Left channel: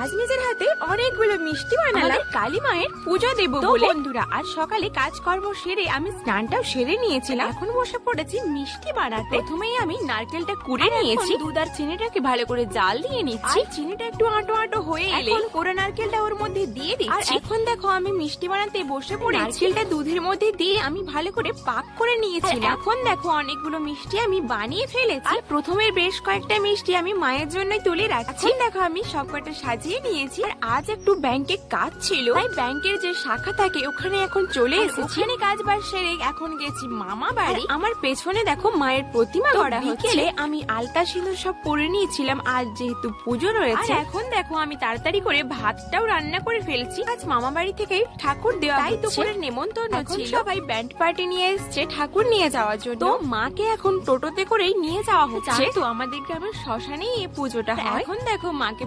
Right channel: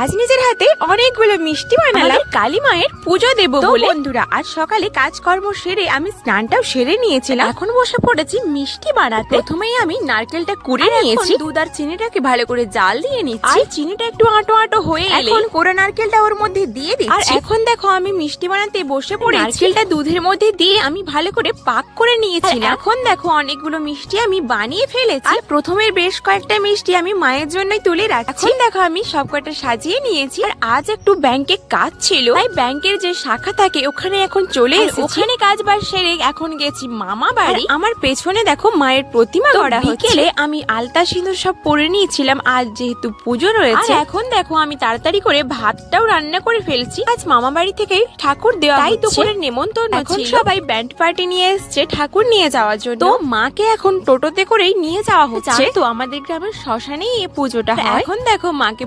আজ নিজের হাতে অনেকগুলো মিষ্টি বানালাম কালী মায়ের পুজো দেবো বলে। বন্ধুরা, আজ সকালে কাজকর্ম সেরে আমি স্নানটাও সেরে নিয়েছিলাম, এখন বসে পড়েছি মিষ্টি বানাতে। প্রথমেই আমি নারকেলটা কুড়ে নিয়েছি, দুধ আর চিনিটাকে ভালো করে জাল দিয়ে নিচ্ছি। আর চিনিটা একটু আটো আটো হয়ে এলে এখন কোরা নারকেলটা ওর মধ্যে দিয়ে দিচ্ছি। আর এখন দেখো আমি মিষ্টি বানাতে বসে পড়ে নারকেলটা দুধের মধ্যে দিয়ে আমি ভালো করে পাক করে নিয়েছিলাম। এখন দেখো অনেকগুলো মিষ্টি আমি বানিয়ে ফেলেছি। আর প্রথমে বেশ কয়েকটা মিষ্টি আমি মায়ের জন্যই তুলে রাখছি। দেখো আমি সবকটা সাজিয়ে নিয়েছি। আর আজ একটু ব্যাংকে কাজ ছিল, তাই ব্যাংকের যে শাখা থাকে ওখানে এখন চলে এসেছি। ওখানে কাজ বাজ সেরে এখন গেছি মামা বাড়ি। আমার পেছনে দেখো মায়ের প্রতিমা গড়া হচ্ছে। বিকেলে আমি আলতা সিঁদুর সব পরে নিয়েছিলাম, আজ যেহেতু পুজো রয়েছে। এখন দেখো আমি তাড়াতাড়ি করে ভাতটাও রান্না করে ফেলছি। আজ মামা বাড়ি থেকে ঠাকুর দেওয়া, তাই দুপুরের নেমন্তন্ন ছিল। সবাই ব্যান্ড পার্টি নিয়ে এসছে ঠাকুর নিয়ে যাওয়ার জন্য। তো মাকে এখন টোটোতে করেই নিয়ে যাওয়া হচ্ছে। তো আমাদের গ্রামের শ্মশানেই এই পুজোটা হয়। এখন দেখো মাকে